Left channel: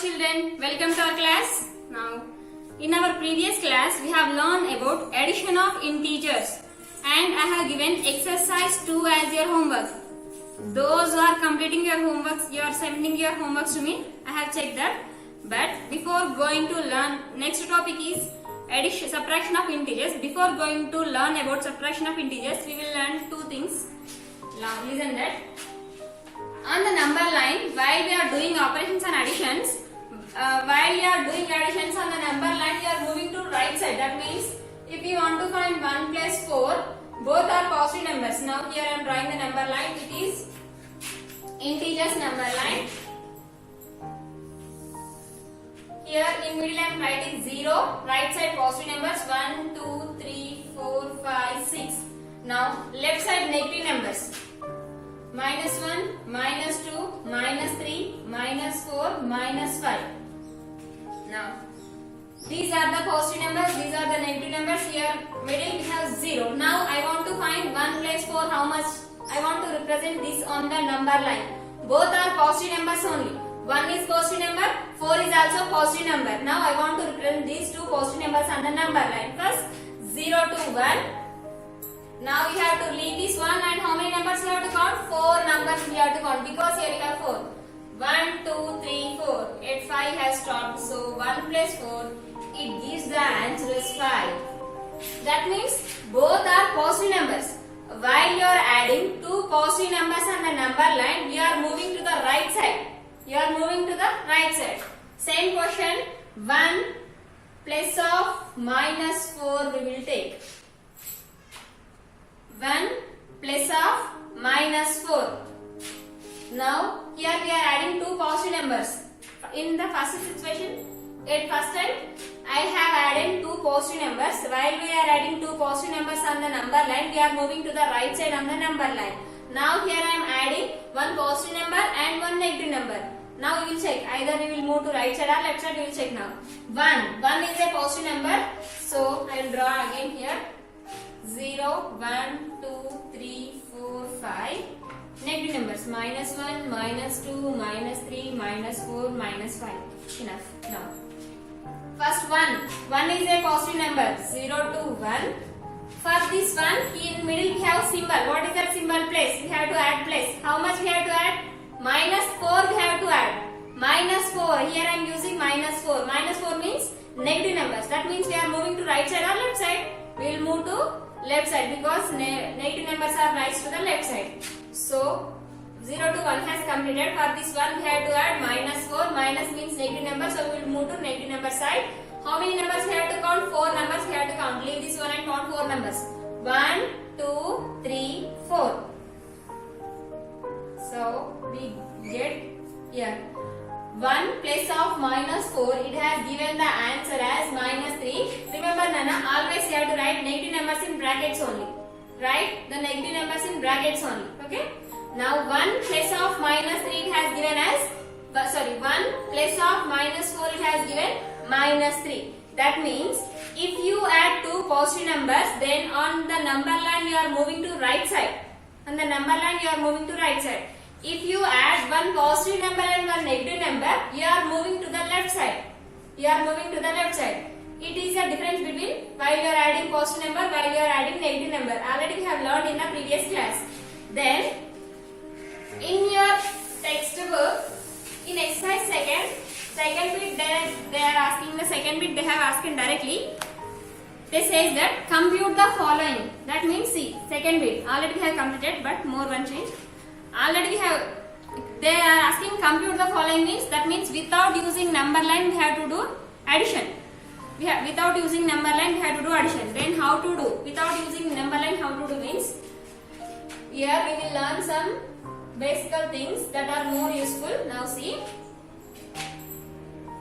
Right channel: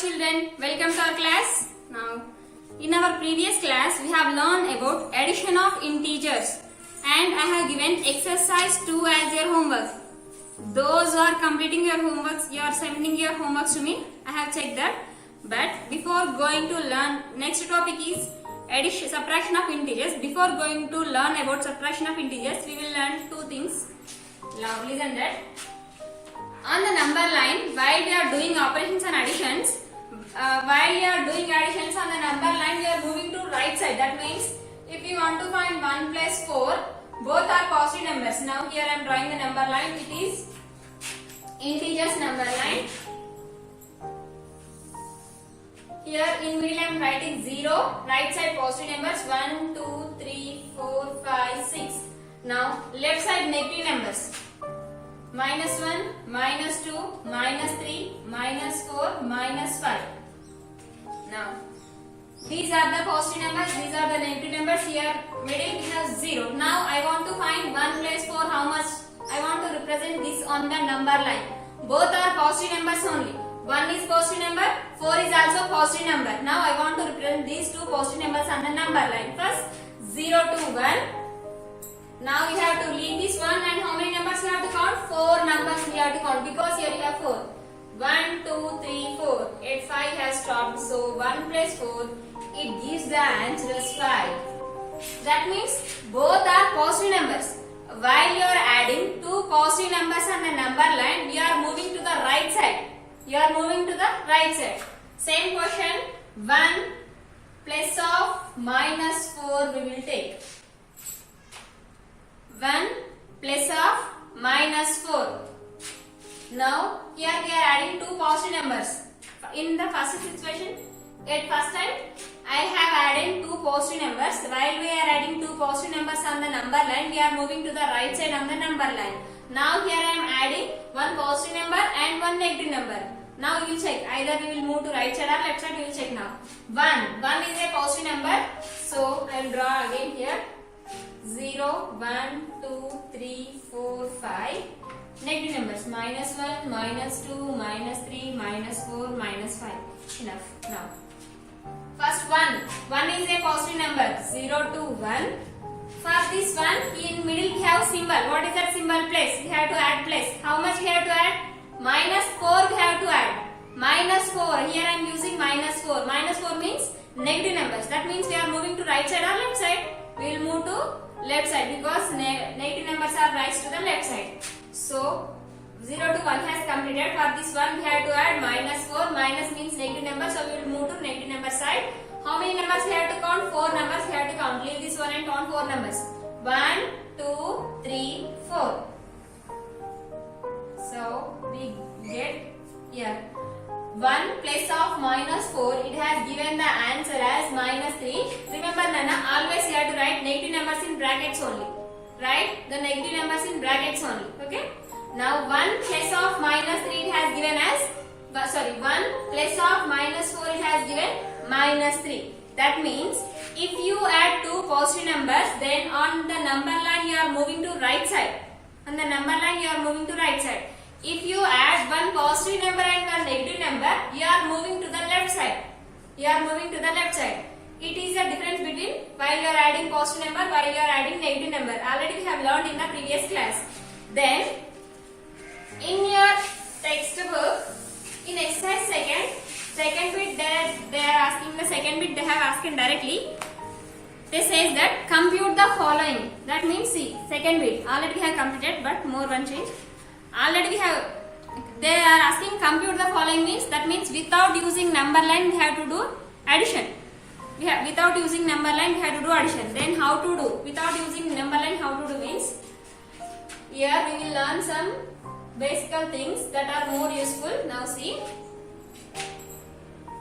children, welcome to our class. Now, in our previous class, we have learned about addition of integers and I have given exercise 2 as your homework. Those who are completing your homeworks, you are sending your homeworks to me. I have checked that. But before going to learn, next topic is addition, subtraction of integers. Before going to learn about subtraction of integers, we will learn two things. Now, listen that. On the number line, while we are doing operations and additions, while you are doing additions on the number line, you are moving to right side. That means if you want to find 1 plus 4, both are positive numbers. Now here I am drawing the number line. It is integers number line. Here in middle I am writing 0, right side positive numbers 1, 2, 3, 4, 5, 6. Now left side negative numbers. Minus 1, minus 2, minus 3, minus 4, minus 5. Now, these are the positive numbers, these are the negative numbers. Here, middle we have 0. Now, I want to find 1 plus 4, how much? I want to represent this on the number line. Both are positive numbers only. 1 is positive number, 4 is also positive number. Now, I want to represent these two positive numbers on the number line. First, 0 to 1. Now you have to leave this one and how many numbers you have to count? 4 numbers you have to count because here you have 4. 1, 2, 3, 4. At 5 has stopped. So 1 plus 4, it gives the answer as 5. That means both are positive numbers. While you are adding two positive numbers on the number line, we are moving to the right side. You are moving to the right side. Same question, 1 plus of minus 4 we will take. 1 plus of minus 4. Now here we are adding two positive numbers. In the first situation, at first time I have added two positive numbers. While we are adding two positive numbers on the number line, we are moving to the right side on the number line. Now here I am adding one positive number and one negative number. Now we will check. Either we will move to right side or left side. We will check now. 1 is a positive number. So I will draw again here. 0, 1, 2, 3, 4, 5. Negative numbers minus 1, minus 2, minus 3, minus 4, minus 5. Enough. Now, first 1 is a positive number. 0 to 1. For this one, in middle we have symbol. What is that symbol place? We have to add place. How much we have to add? Minus 4 we have to add. Minus 4. Here I am using minus 4. Minus 4 means negative numbers. That means we are moving to right side or left side. We will move to left side because negative numbers are raised to the left side. So 0 to 1 has completed. For this one we have to add minus 4. Minus means negative number, so we will move to negative number side. How many numbers we have to count? 4 numbers we have to count. Leave this one and count 4 numbers. 1, 2, 3, 4. So we get here 1 plus of minus 4, it has given the answer as minus 3. Remember Nana, always you have to write negative numbers in brackets only. Write the negative numbers in brackets only. Okay. Now 1 plus of minus 3 it has given as, 1 plus of minus 4 it has given minus 3. That means if you add two positive numbers, then on the number line you are moving to right side. On the number line you are moving to right side. If you add one positive number and one negative number, you are moving to the left side. You are moving to the left side. It is the difference between while you are adding positive number, while you are adding negative number. Already we have learned in the previous class. Then, in your textbook, in exercise second bit, they are asking the second bit. They have asked directly. They says that compute the following. That means see second bit. Already we have completed, but more one change. Already we have, they are asking compute the following means, that means without using number line we have to do addition. Without using number line we have to do addition. Then how to do? Without using number line how to do means, here we will learn some basic things that are more useful. Now see,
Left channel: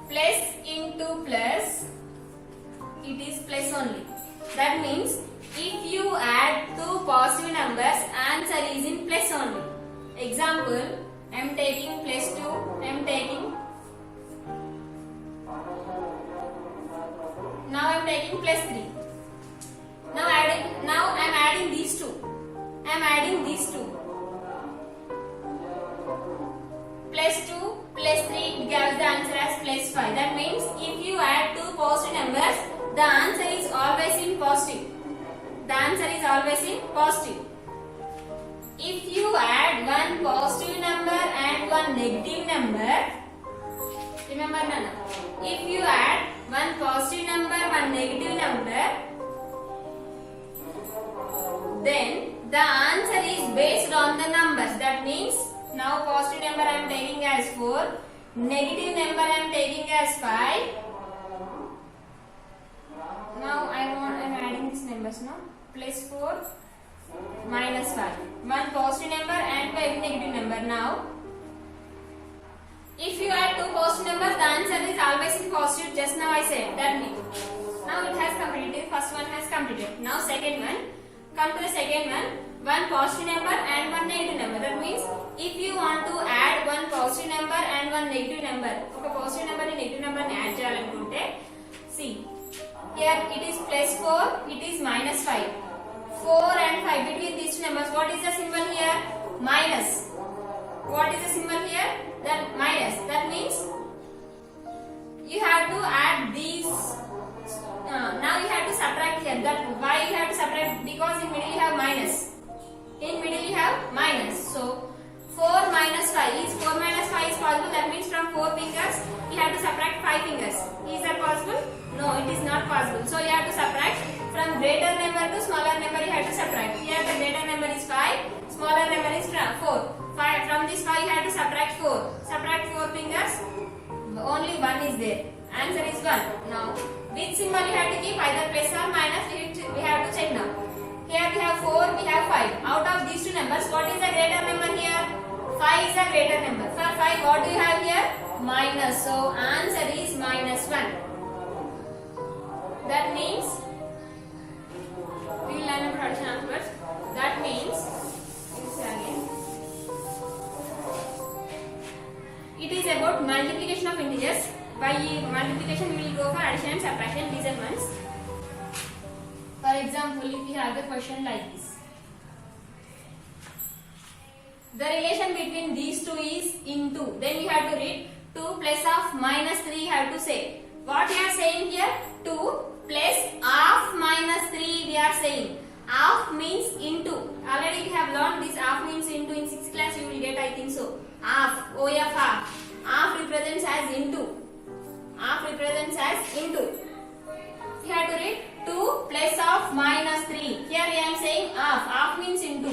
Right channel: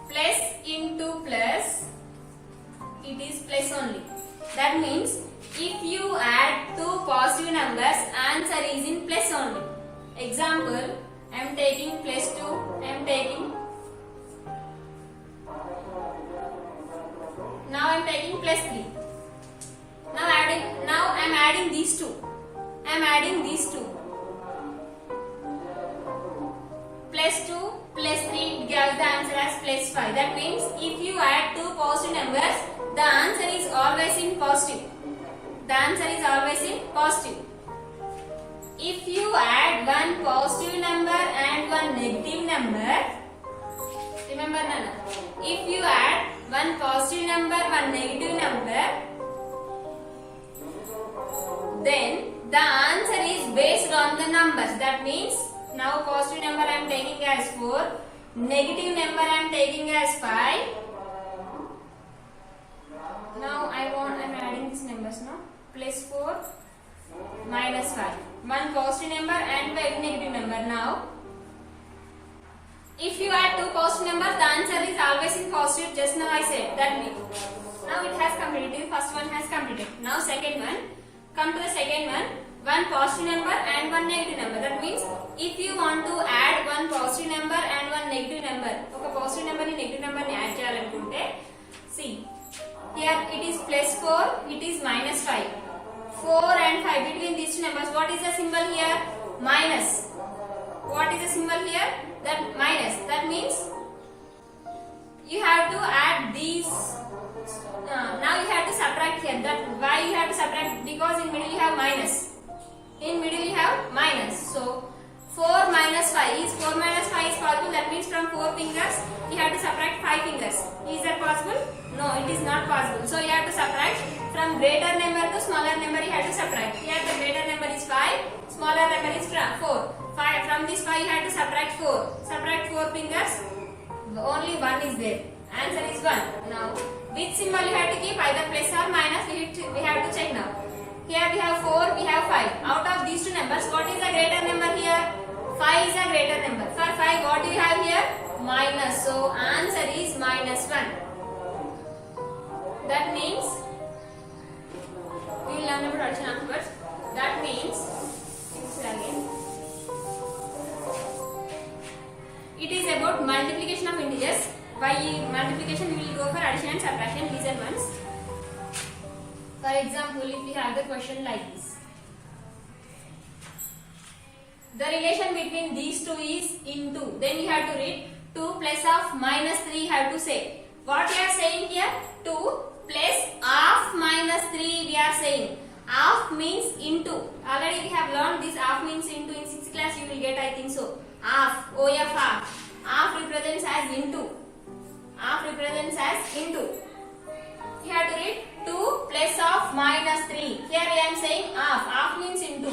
plus into plus, it is plus only. That means if you add two positive numbers, answer is in plus only. Example, I am taking plus 2, I am taking, now I am taking plus 3. Now I am adding these two. I am adding these two. Plus 2 plus 3 gives the answer as plus 5. That means if you add two positive numbers, the answer is always in positive. The answer is always in positive. If you add one positive number and one negative number, remember Nana, if you add one positive number, one negative number, then the answer is based on the numbers. That means now positive number I am taking as 4, negative number I am taking as 5. Now I am adding these numbers now. Plus 4 minus 5. One positive number and one negative number. Now if you add two positive numbers, the answer is always in positive. Just now I said that means. Now it has completed. First one has completed. Now second one. Come to the second one. One positive number and one negative number. That means if you want to add one positive number and one negative number, ఒక positive number ni negative number ni add చేయాలనుకుంటే, see here it is plus 4, it is minus 5. 4 and 5 between these two numbers, what is the symbol here? Minus. What is the symbol here? Then minus. That means you have to add these. Now you have to subtract here. That why you have to subtract? Because in middle you have minus. In middle you have minus. So 4 minus 5 is 4 minus 5 is possible. That means from 4 fingers you have to subtract 5 fingers. Is that possible? No, it is not possible. So you have to subtract from greater number to smaller number. You have to subtract. Here the greater number is 5, smaller number is 4. From this 5 you have to subtract 4. Subtract 4 fingers. Only 1 is there. Answer is 1. Now which symbol you have to keep? Either plus or minus. We have to check now. Here we have 4, we have 5. Out of these two numbers, what is the greater number here? 5 is a greater number. For 5, what do you have here? Minus. So answer is minus 1. That means we will learn about addition afterwards. That means it is about multiplication of integers. By multiplication we will go for addition and subtraction. Listen once. For example, if we have the question like this. The relation between these two is into. Then you have to read 2 plus of minus 3 you have to say. What we are saying here? 2 plus of minus 3 we are saying. Of means into. Already we have learned this of means into in 6th class you will get, I think so. Of, OF of. Of represents as into. Of represents as into. You have to read 2 plus of minus 3. Here I am saying of. Of means into.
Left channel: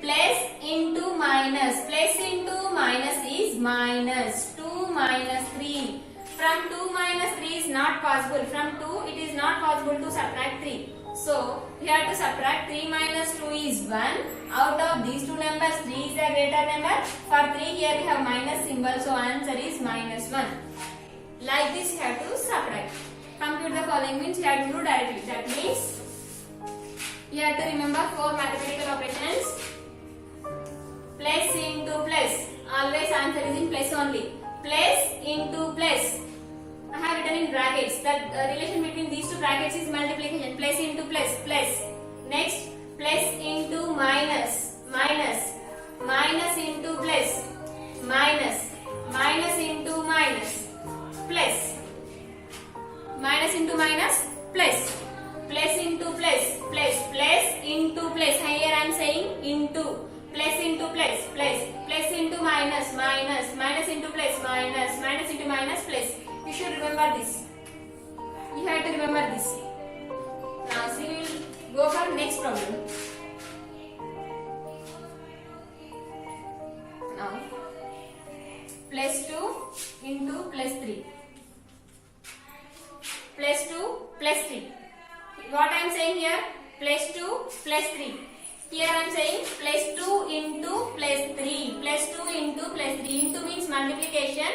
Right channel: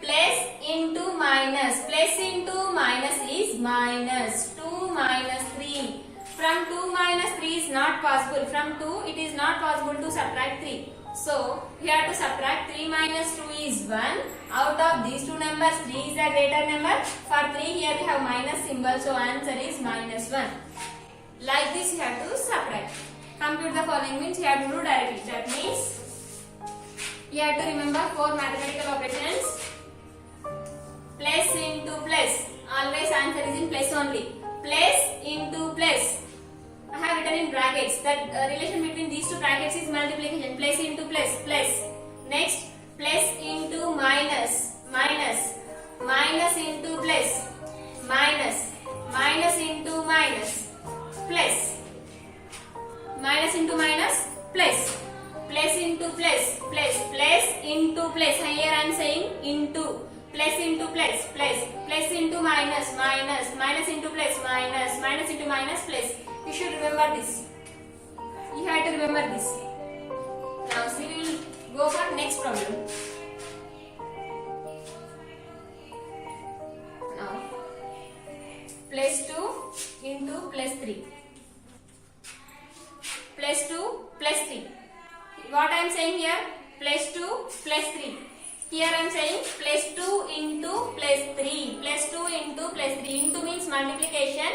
Plus into minus. Plus into minus is minus. 2 minus 3. From 2 minus 3 is not possible. From 2 it is not possible to subtract 3. So you have to subtract 3 minus 2 is 1. Out of these two numbers 3 is the greater number. For 3 here we have minus symbol. So answer is minus 1. Like this you have to subtract. Compute the following means you have to do directly. That means you have to remember 4 mathematical operations. Plus into plus. Always answer is in plus only. Plus into plus. I have written in brackets. That relation between these two brackets is multiplication. Plus into plus. Plus. Next, plus into minus. Minus. Minus into plus. Minus. Minus into minus. Plus. Minus into minus. Plus. Plus into plus. Plus. Plus into plus. Here I am saying into. Plus into plus. Plus. Plus into minus. Minus. Minus into plus. Minus. Minus into minus. Plus. You should remember this. You have to remember this. Now see, we will go for next problem. Now plus 2 into plus 3. Plus 2 plus 3. What I am saying here? Plus 2 plus 3. Here I am saying plus 2 into plus 3. Plus 2 into plus 3. Into means multiplication.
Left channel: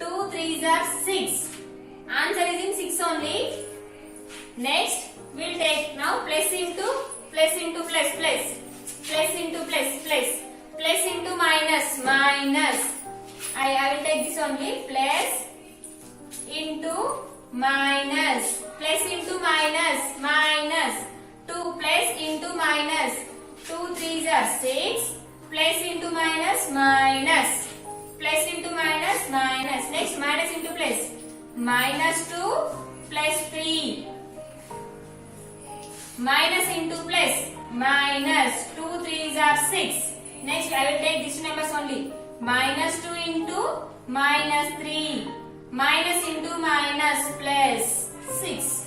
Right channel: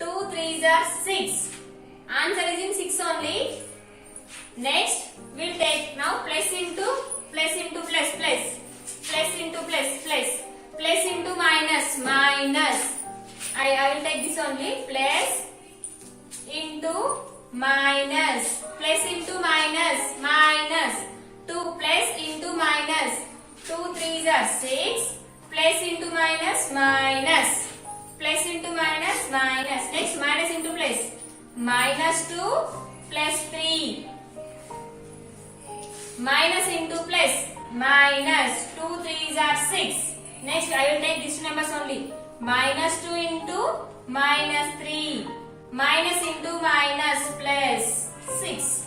2 3s are 6. Answer is in 6 only. Next, we will take now plus into plus into plus plus. Plus into plus plus. Plus into minus minus. I will take this only. Plus into minus. Plus into minus minus. 2 plus into minus. 2 3s are 6. Plus into minus minus. Plus into minus minus. Next minus into plus. minus 2 plus 3. Minus into plus, minus 2 3s are 6. Next I will take these numbers only. Minus 2 into minus 3. Minus into minus plus 6.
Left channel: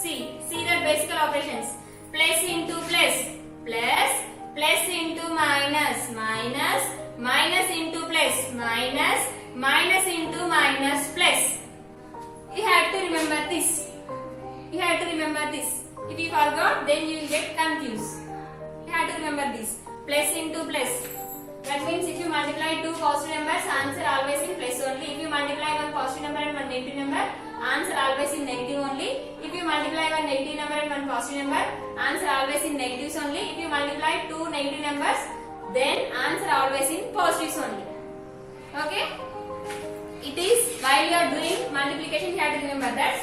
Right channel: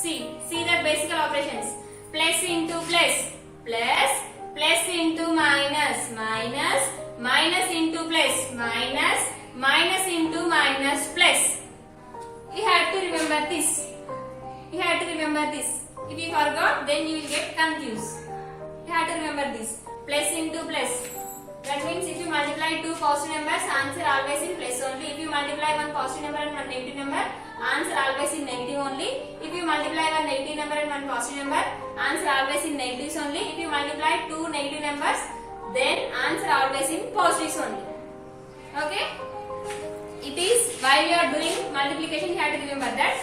See the basic operations. Plus into plus, plus, plus into minus, minus, minus into plus, minus, minus into minus plus. You have to remember this. You have to remember this. If you forgot, then you will get confused. You have to remember this. Plus into plus. That means if you multiply two positive numbers, answer always in plus only. If you multiply one positive number and one negative number, answer always in negative only. If you multiply one negative number and one positive number, answer always in negatives only. If you multiply two negative numbers, then answer always in positives only. Okay? It is while you are doing multiplication, you have to remember that.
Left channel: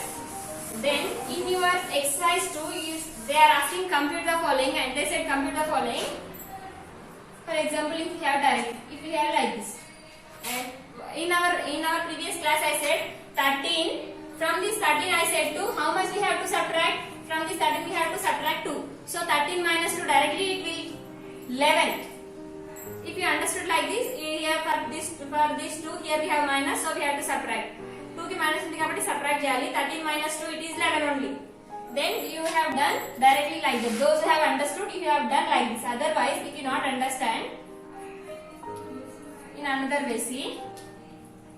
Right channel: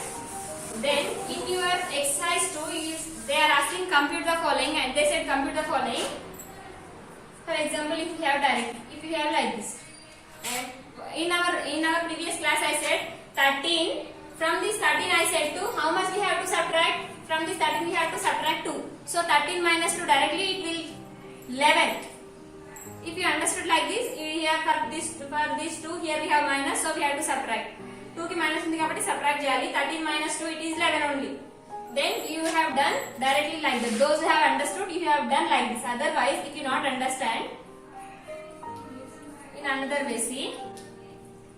Then in your exercise 2 is they are asking compute the following and they said compute the following. For example, if you have like this, and in our previous class I said 13. From this 13 I said 2. How much we have to subtract? From this 13 we have to subtract 2. So 13 minus 2 directly it will 11. If you understood like this, here for this 2 here we have minus, so we have to subtract. 2 ki minus undi kabatti subtract cheyali. 13 minus 2 it is 11 only. Then you have done directly like that. Those who have understood, you have done like this. Otherwise, if you not understand, in another way, see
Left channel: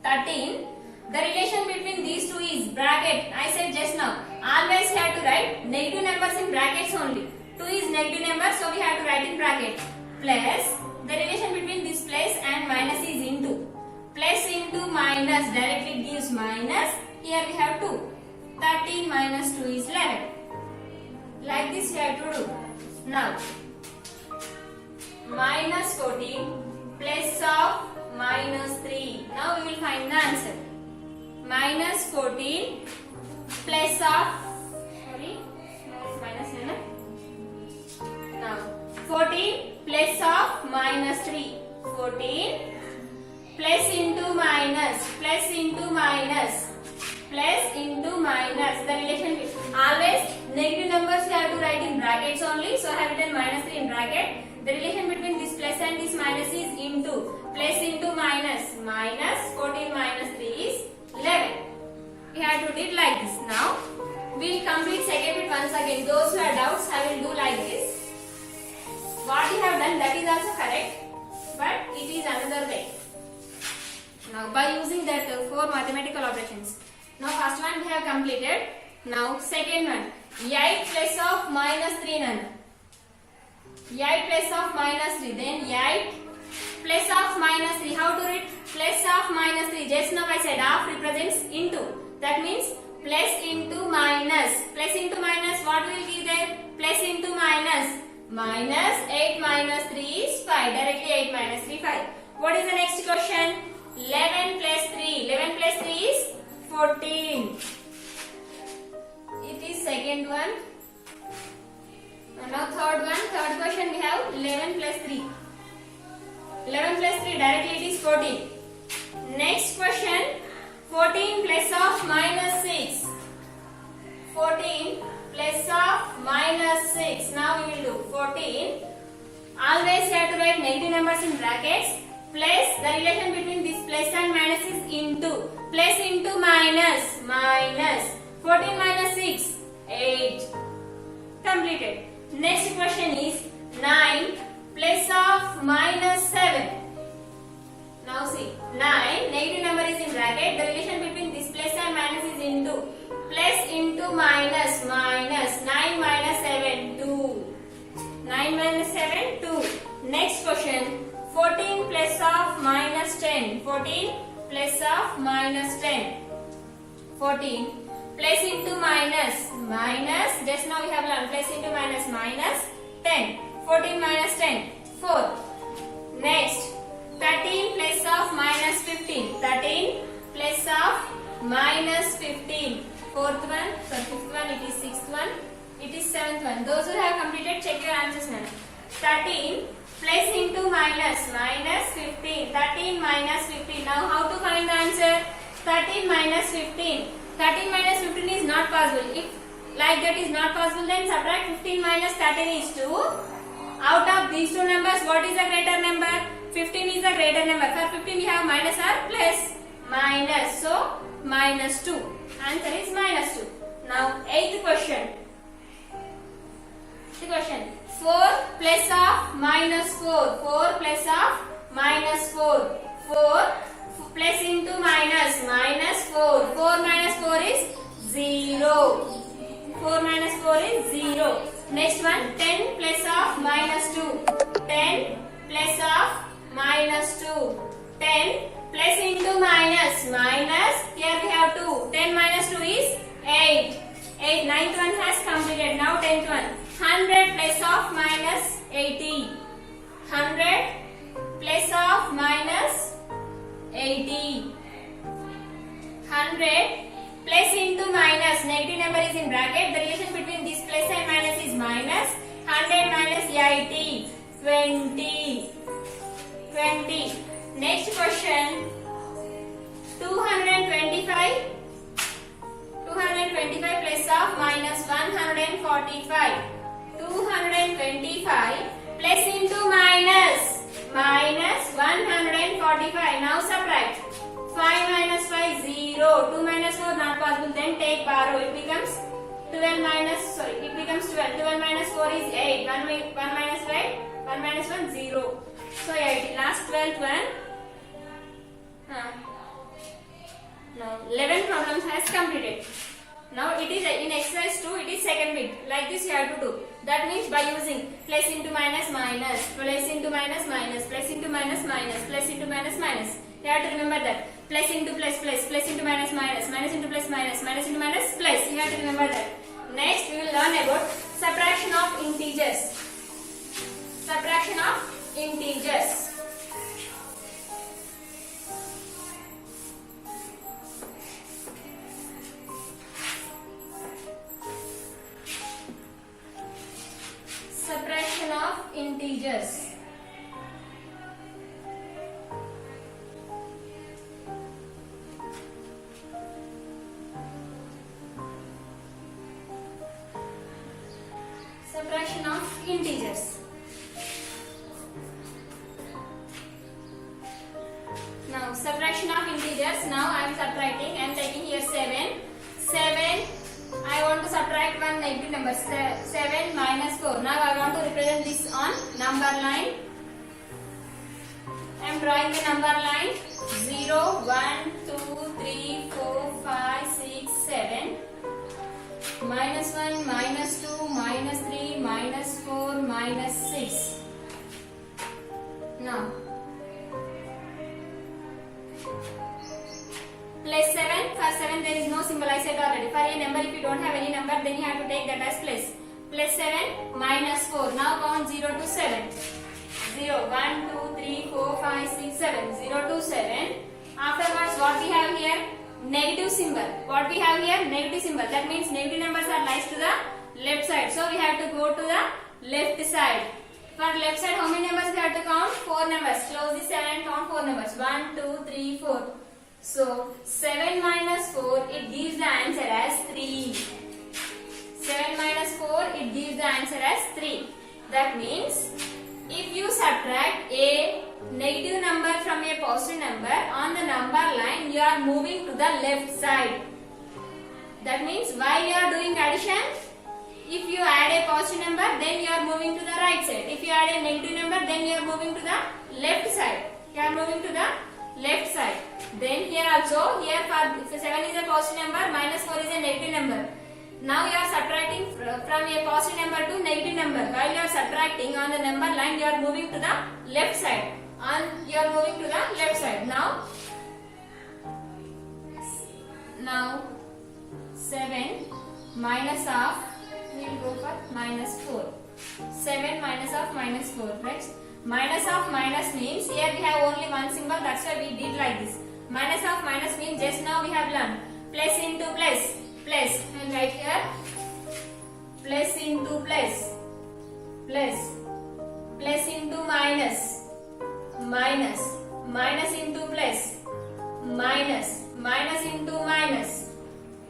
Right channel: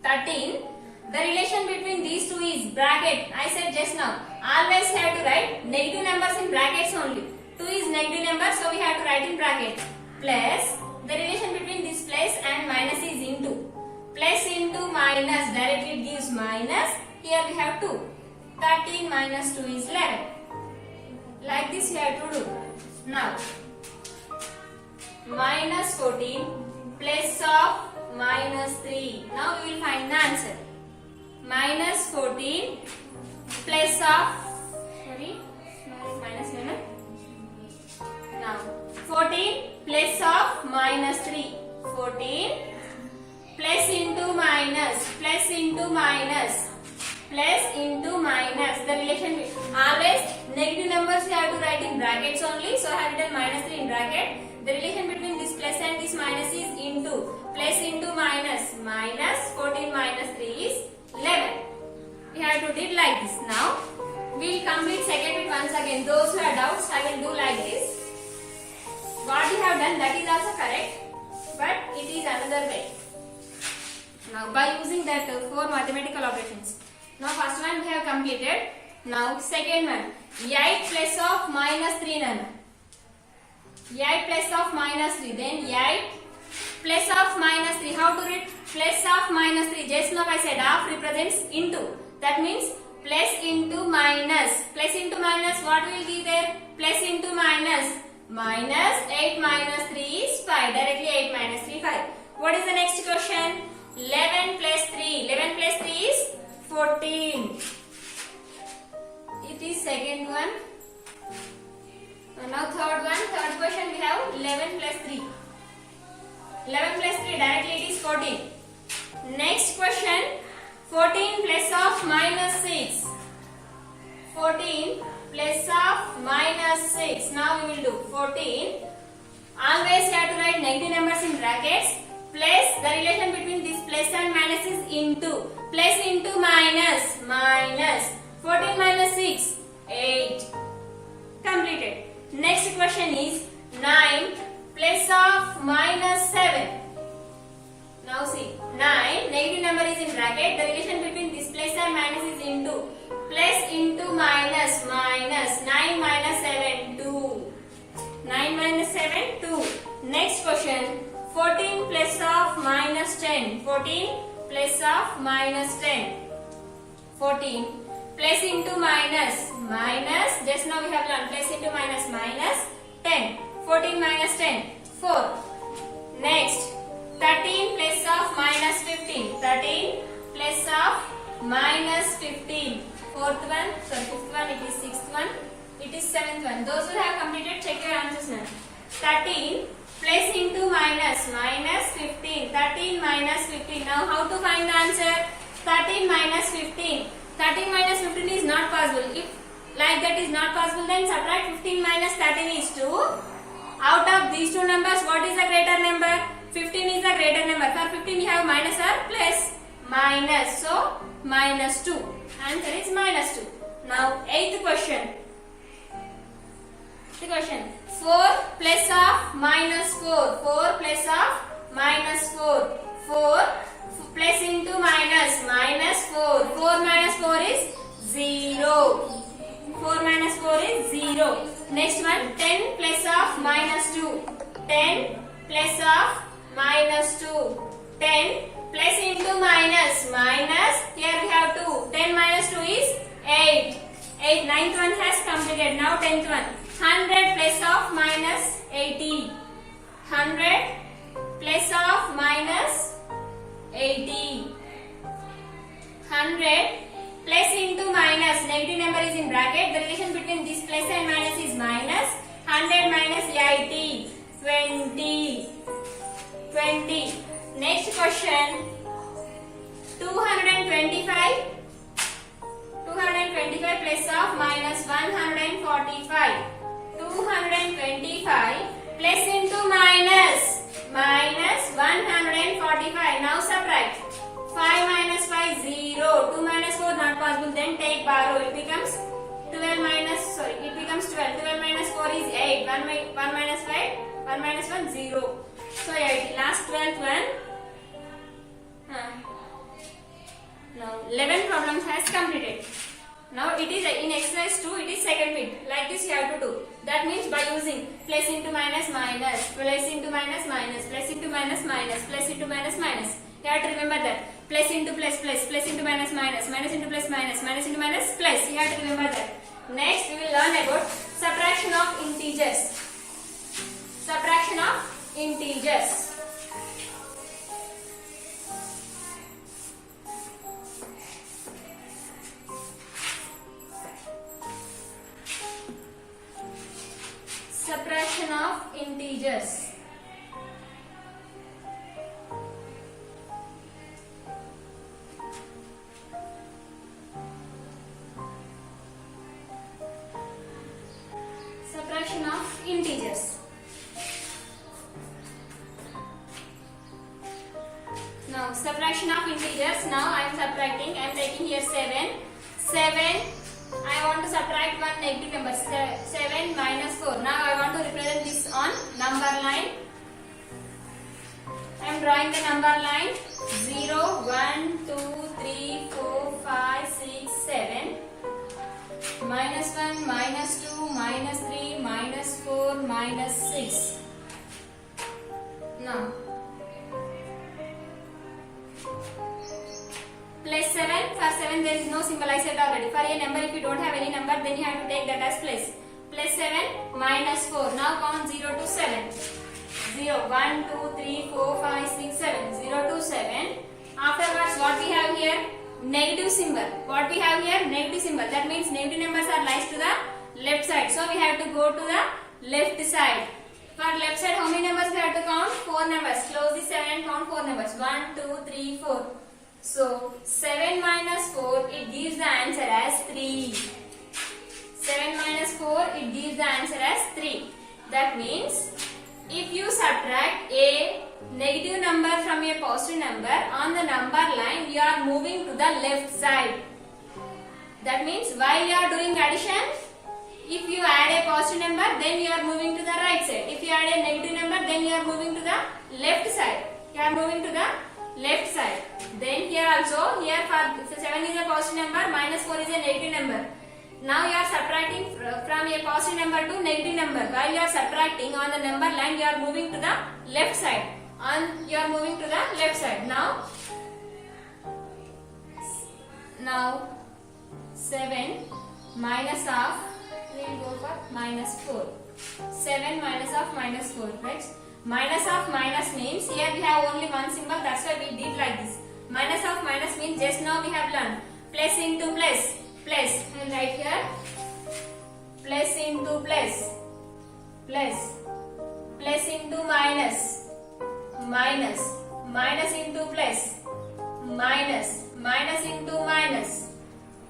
13. The relation between these two is bracket. I said just now. Always you have to write negative numbers in brackets only. 2 is negative number, so we have to write in bracket. Plus the relation between this plus and minus is into. Plus into minus directly gives minus. Here we have 2. 13 minus 2 is 11. Like this you have to do. Now, minus 14 plus of minus 3. Now we will find the answer. Minus 14 plus of, minus 11. Now, 14 plus of minus 3. 14 plus into minus, plus into minus. Plus into minus. The relation always negative numbers you have to write in brackets only. So I have written minus 3 in bracket. The relation between this plus and this minus is into. Plus into minus. Minus 14 minus 3 is 11. We have to do it like this. Now we will complete second bit once again. Those who have doubts, I will do like this. What you have done, that is also correct, but it is another way. Now by using that 4 mathematical operations. Now first one we have completed. Now second one, 8 plus of minus 3 nana. 8 plus of minus 3. Then 8 plus of minus 3. How to read? Plus of minus 3. Just now I said half represents into. That means plus into minus. Plus into minus, what will be there? Plus into minus. Minus 8 minus 3 is 5. Directly 8 minus 3 5. What is the next question? 11 plus 3. 11 plus 3 is 14. It is second one. Now third one. Third question we have 11 plus 3. 11 plus 3 directly it is 14. Next question, 14 plus of minus 6. 14 plus of minus 6. Now we will do 14. Always you have to write negative numbers in brackets. Plus the relation between this plus and minus is into. Plus into minus. Minus. 14 minus 6. 8. Completed. Next question is 9 plus of minus 7. Now see, 9, negative number is in bracket. The relation between this plus and minus is into. Plus into minus. Minus. 9 minus 7, 2. 9 minus 7, 2. Next question, 14 plus of minus 10. 14 plus of minus 10. 14 plus into minus. Minus, just now we have learned plus into minus. Minus 10. 14 minus 10, 4. Next, 13 plus of minus 15. 13 plus of minus 15. Fourth one, fifth one, it is sixth one, it is seventh one. Those who have completed, check your answers now. 13 plus into minus. Minus 15. 13 minus 15. Now how to find the answer? 13 minus 15. 13 minus 15 is not possible. If like that is not possible, then subtract 15 minus 13 is 2. Out of these two numbers, what is the greater number? 15 is the greater number. For 15 we have minus or plus? Minus. So minus 2. Answer is minus 2. Now 8th question. 4 plus of minus 4. 4 plus of minus 4. 4 plus into minus. Minus 4. 4 minus 4 is 0. 4 minus 4 is 0. Next one, 10 plus of minus 2. 10 plus of minus 2. 10 plus into minus. Minus, here we have 2. 10 minus 2 is 8. 9th one has completed. Now 10th one. 100 plus of minus 80. 100 plus of minus 80. 100 plus into minus. Negative number is in bracket. The relation between this plus and minus is minus. 100 minus 80. 20. 20. Next question. 225. 225 plus of minus 145. 225 plus into minus. Minus 145. Now subtract. 5 minus 5 0. 2 minus 4 not possible. Then take borrow. It becomes 12 minus. Sorry. It becomes 12. 12 minus 4 is 8. 1 minus 5. 1 minus 1 0. So 8. Last 12th one. Now 11 problems has completed. Now it is in exercise 2. It is second bit. Like this you have to do. That means by using plus into minus minus, plus into minus minus, plus into minus minus, plus into minus minus. You have to remember that. Plus into plus plus, plus into minus minus, minus into plus minus, minus into minus plus. You have to remember that. Next we will learn about subtraction of integers. Subtraction of integers. Subtraction of integers. Subtraction of integers. Now subtraction of integers. Now I am subtracting. I am taking here 7. 7. I want to subtract one negative number. 7 minus 4. Now I want to represent this on number line. I am drawing the number line. 0, 1, 2, 3, 4, 5, 6, 7. Minus 1, minus 2, minus 3, minus 4, minus 6. Now plus 7. For 7 there is no symbol, I said already. For a number, if you don't have any number, then you have to take that as plus. Plus 7 minus 4. Now count 0 to 7. 0, 1, 2, 3, 4, 5, 6, 7. 0 to 7. Afterwards, what we have here? Negative symbol. What we have here? Negative symbol. That means negative numbers are lies to the left side. So we have to go to the left side. For left side, how many numbers we have to count? 4 numbers. Close the 7 and count 4 numbers. 1, 2, 3, 4. So 7 minus 4, it gives the answer as 3. 7 minus 4, it gives the answer as 3. That means if you subtract a negative number from a positive number on the number line, you are moving to the left side. That means while you are doing addition, if you add a positive number, then you are moving to the right side. If you add a negative number, then you are moving to the left side. You are moving to the left side. Then here also, here for 7 is a positive number, minus 4 is a negative number. Now you are subtracting from a positive number to negative number. While you are subtracting on the number line, you are moving to the left side. You are moving to the left side. Now 7 minus of, we will go for minus 4. 7 minus of minus 4, right? Minus of minus means here we have only one symbol, that's why we did like this. Minus of minus means just now we have learned plus into plus. Plus, we will write here plus into plus. Plus. Plus into minus. Minus. Minus into plus. Minus. minus into minus,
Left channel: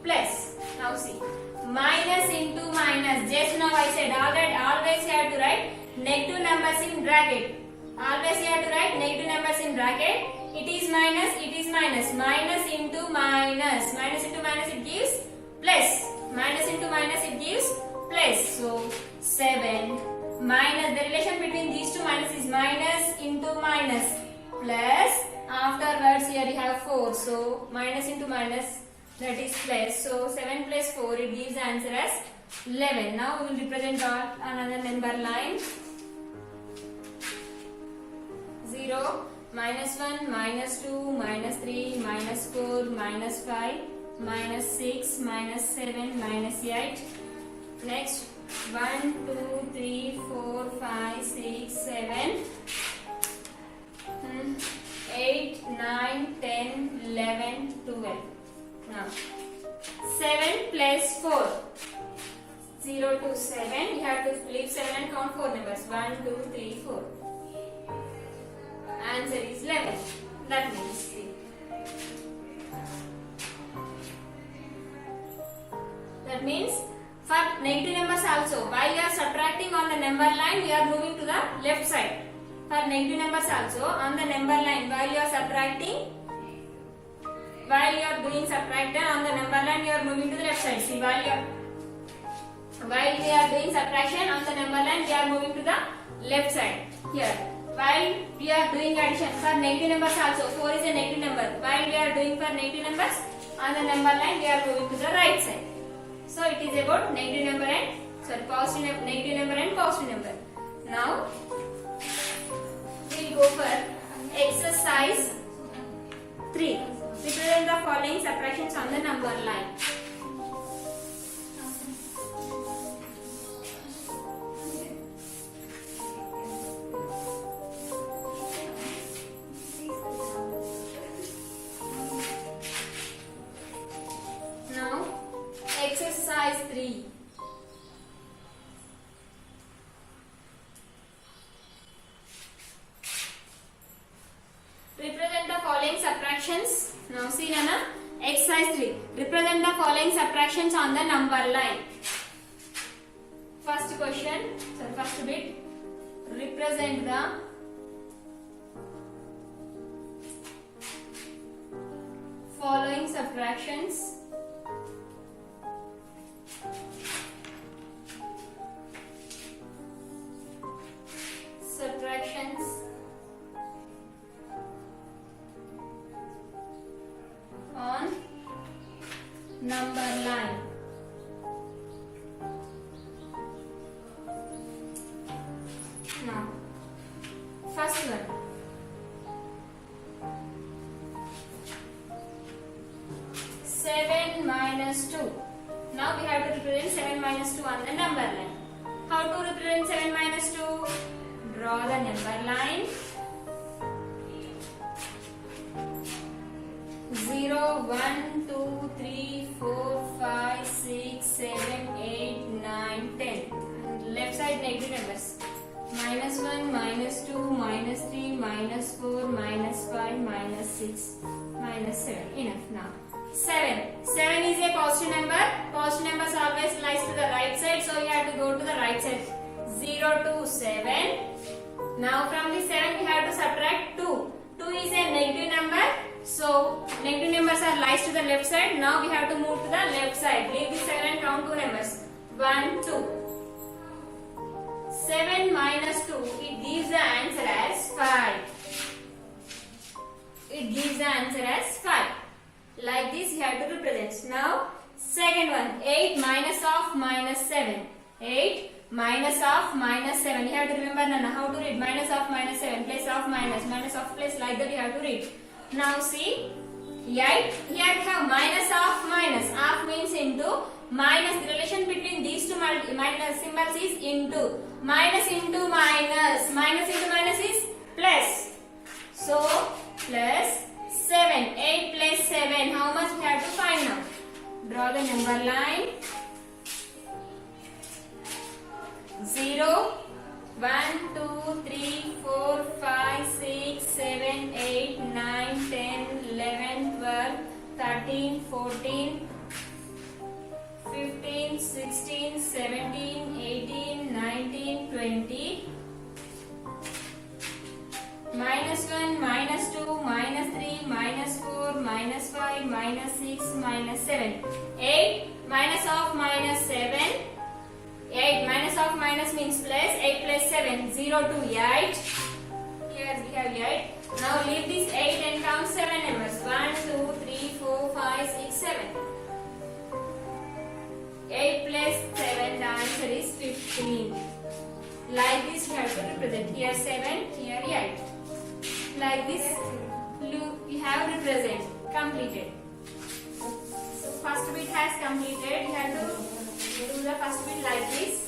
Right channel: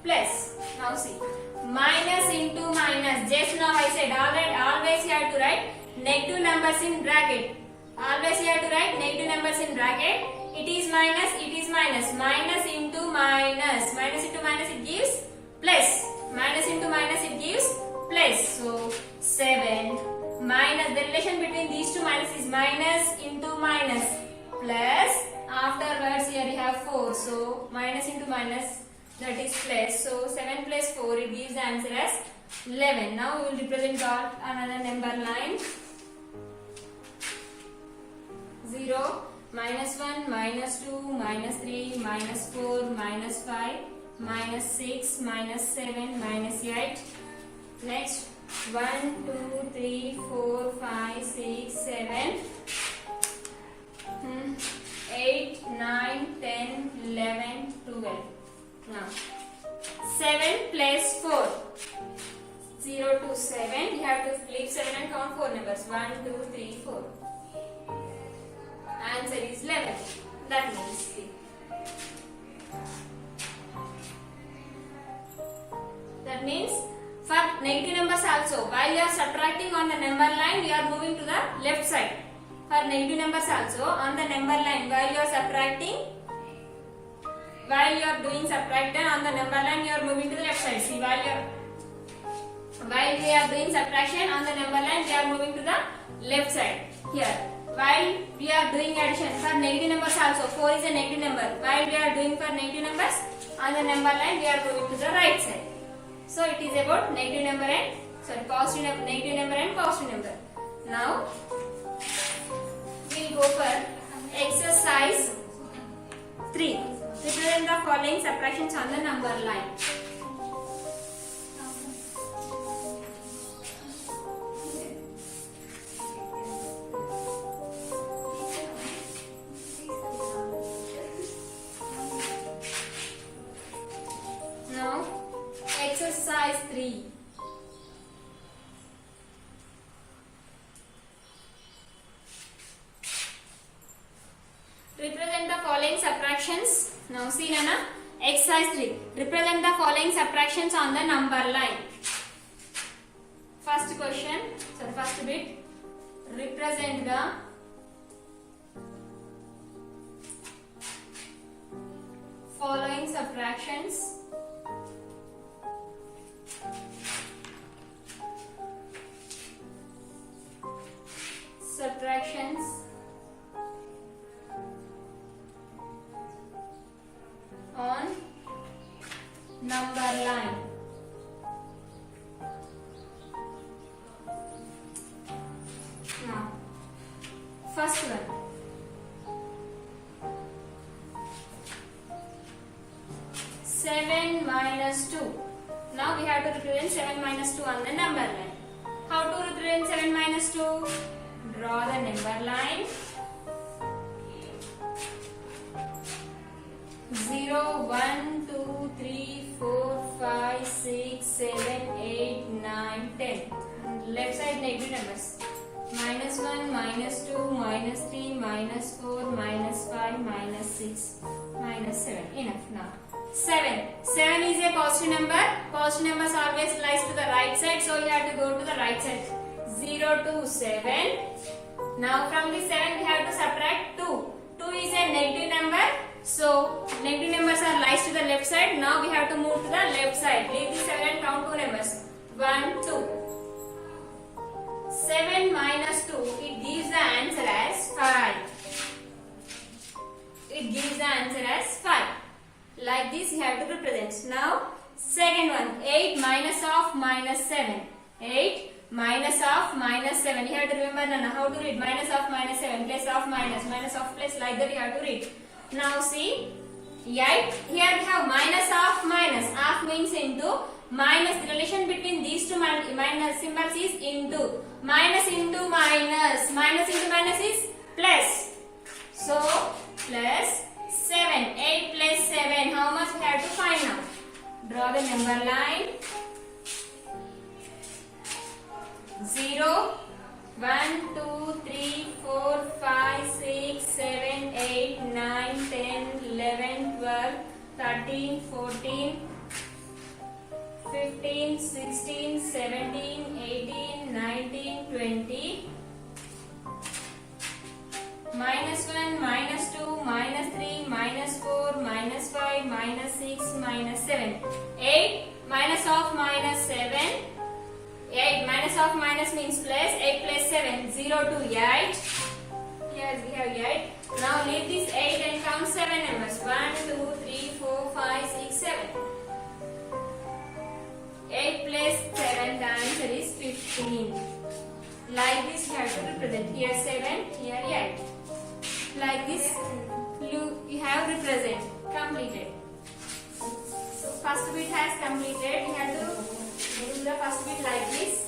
plus. Now see, minus into minus. Just now I said always you have to write negative numbers in bracket. Always you have to write negative numbers in bracket. It is minus, it is minus. Minus into minus. Minus into minus it gives plus. Minus into minus it gives plus. So 7 minus, the relation between these two minus is minus into minus plus. Afterwards here you have 4. So minus into minus, that is plus. So 7 plus 4 it gives the answer as 11. Now we will represent all another number line. 0, minus 1, minus 2, minus 3, minus 4, minus 5, minus 6, minus 7, minus 8. Next 1, 2, 3, 4, 5, 6, 7, 8, 9, 10, 11, 12. Now 7 plus 4. 0 to 7. You have to leave 7 and count 4 numbers. 1, 2, 3, 4. Answer is 11. That means C. That means for negative numbers also, while you are subtracting on the number line, you are moving to the left side. For negative numbers also, on the number line, while you are subtracting, while you are doing subtraction on the number line, you are moving to the left side. See, while we are doing subtraction on the number line, we are moving to the left side. Here, while we are doing addition for negative numbers also, 4 is a negative number. While we are doing for negative numbers on the number line, we are moving to the right side. So it is about negative number and negative number and positive number. Now we will go for exercise 3. Represent the following subtractions on the number line. Now, exercise 3. Represent the following subtractions. Now see Nana, exercise 3. Represent the following subtractions on the number line. First question, first bit. Represent the following subtractions on number line. Now, first one. Now we have to represent 7 minus 2 on the number line. How to represent 7 minus 2? Draw the number line. 0, 1, 2, 3, 4, 5, 6, 7, 8, 9, 10. Left side negative numbers. Minus 1, minus 2, minus 3, minus 4, minus 5, minus 6, minus 7. Enough now. 7. 7 is a positive number. Positive numbers always lies to the right side. So you have to go to the right side. 0 to 7. Now from the 7 we have to subtract 2. 2 is a negative number. So negative numbers are lies to the left side. Now we have to move to the left side. Leave the 7 and count 2 numbers. 1, 2. 7 minus 2. It gives the answer as 5. It gives the answer as 5. Like this you have to represent. Now second one, 8 minus of minus 7. 8 minus of minus 7. You have to remember Nana, how to read minus of minus 7, plus of minus of plus, like that you have to read. Now see, 8, here we have minus of minus. Of means into, minus, the relation between these two minus symbols is into. Minus into minus. Minus into minus is plus. So plus 7. 8 plus 7. How much we have to find now? Draw the number line. 0, 1, 2, 3, 4, 5, 6, 7, 8, 9, 10, 11, 12, 13, 14, 15, 16, 17, 18, 19, 20. Minus 1, minus 2, minus 3, minus 4, minus 5, minus 6, minus 7. 8 minus of minus 7. 8 minus of minus means plus. 8 plus 7. 0 to 8. Here we have 8. Now leave this 8 and count 7 numbers. 1, 2, 3, 4, 5, 6, 7. 8 plus 7, the answer is 15. Like this you have to represent. Here 7, here 8. Like this you have represent. Completed. So first bit has completed. You have to do the first bit like this.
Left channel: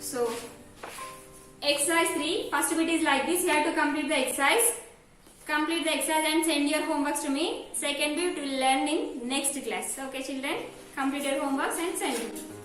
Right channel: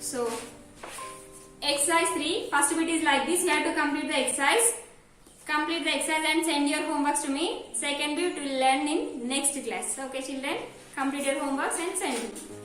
So exercise 3, first bit is like this. You have to complete the exercise. Complete the exercise and send your homeworks to me. Second bit will learn in next class. Okay children, complete your homeworks and send it.